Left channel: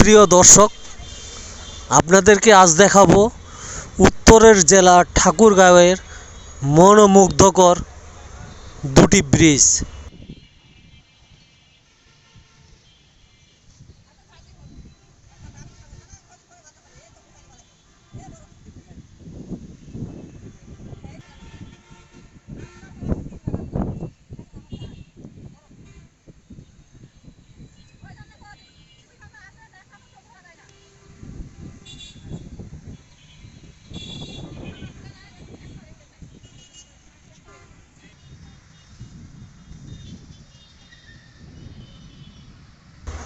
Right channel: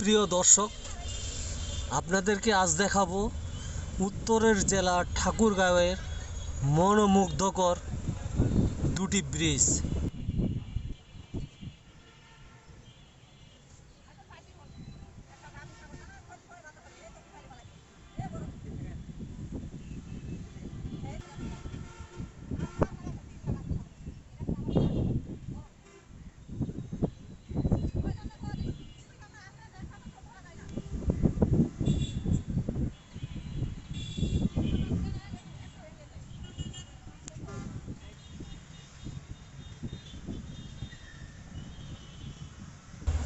সুপ্রিয় দর্শক আপনাদেরকে আজ দেখাবো উত্তরের জেলা ঠাকুরগাঁওয়ের মনোমুগ্ধকর দুটি ব্রিজ।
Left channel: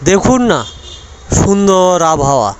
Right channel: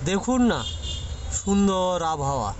দেখুন না সুন্দর আবহাওয়া।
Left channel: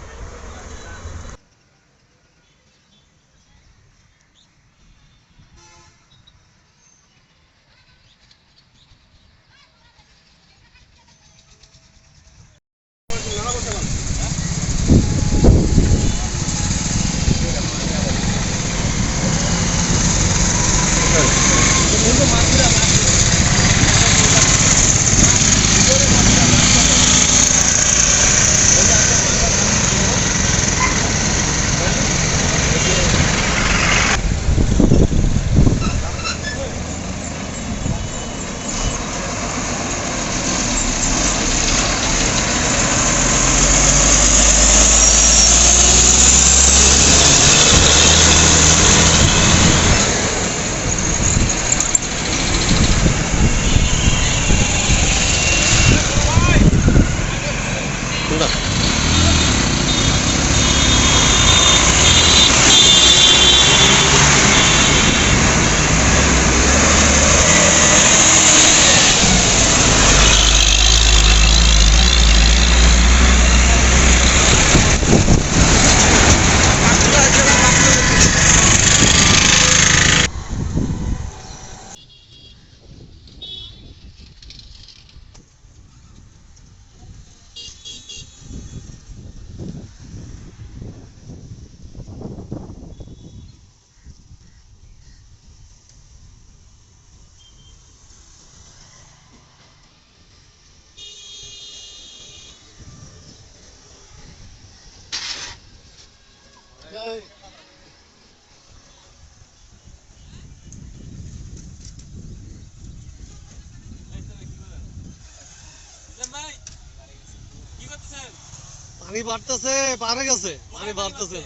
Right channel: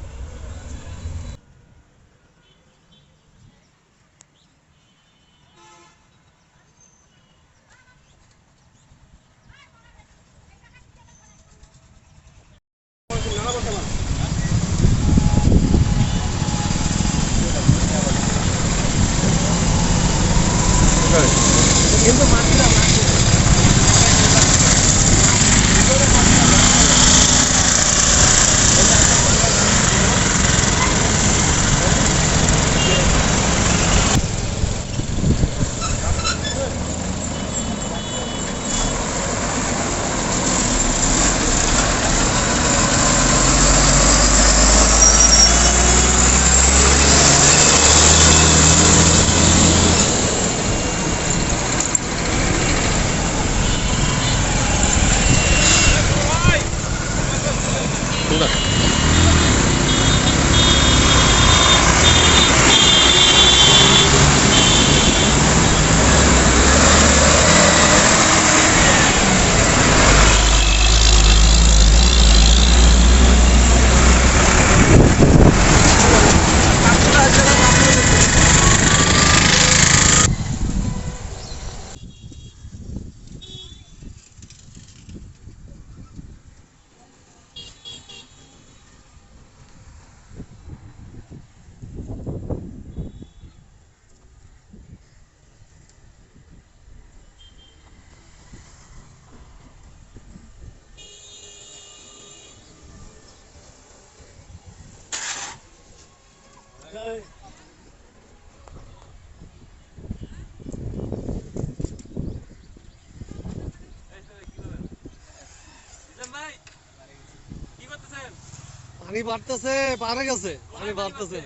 পানি বাড়তেছে পারে গেছে। পানি বাড়তেছে।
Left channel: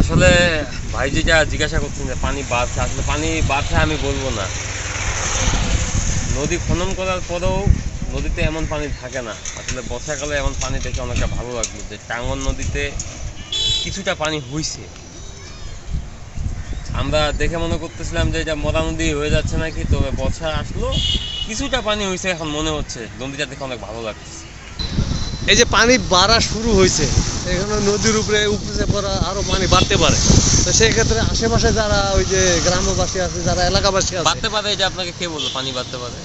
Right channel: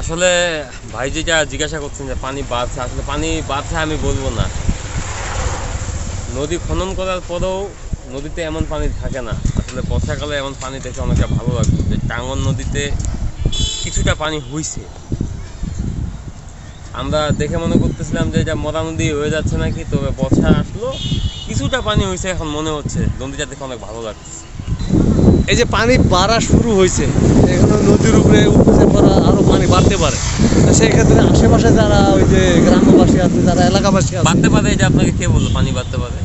আসলে ভাই যেটা জিজ্ঞাসা করছেন যে পানি বাড়ছে। আসলে পানি বাড়ছে আমি বলব না। নদী খনন করার পরেও নদীতে এমন পানি থাকে না। আসলে বর্ষাকালে এমন পানি দেখে অনেকটা ভালো লাগল যে টাঙ্গন নদীতে কিছুটা পানি হইছে। আমরা দেখে মনে করতেছিলাম যে এটা মরা নদী হয়ে যাচ্ছে নাকি, তবে বর্ষা আসলো, কিছুটা পানি হয়েছে এখন মনে হচ্ছে নদীটা দেখে অনেক ভালো লাগছে এই যে পানি বাড়া শুরু হয়েছে এখানে নদীর উপরে উঠতেছে পড়া আরও পানি বাড়তে পারে। তো সেই ক্ষেত্রে আশেপাশে যারা ওই যে গ্রামবাসী আছে যারা এলাকাবাসী আছে বাড়তে পারে এটা আপনাকে কে বলল পানি বাড়তে পারে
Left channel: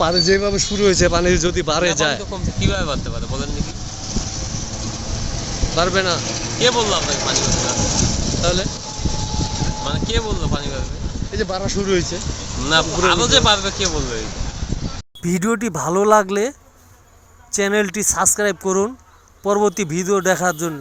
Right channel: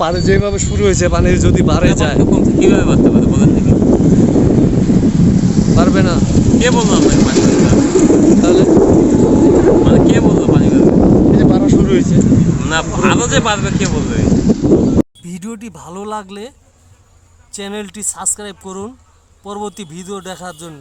পানি যেভাবে শুরু হয়েছে পানি যদি বাড়ে যায়। কীভাবে বাড়তে পারে বলেন দেখি। পারবে না। কে বলল আপনাকে পানি বাড়তে পারবে তাহলে? মানে কে বলল পানি বাড়বে এই যে বাড়া শুরু হয়েছে। না আরও যে বাড়বে কে বলবে? ভিডিওটি ভালো লাগলে চ্যানেলটি সাবস্ক্রাইব করুন পরবর্তী ভিডিও দেখার জন্য।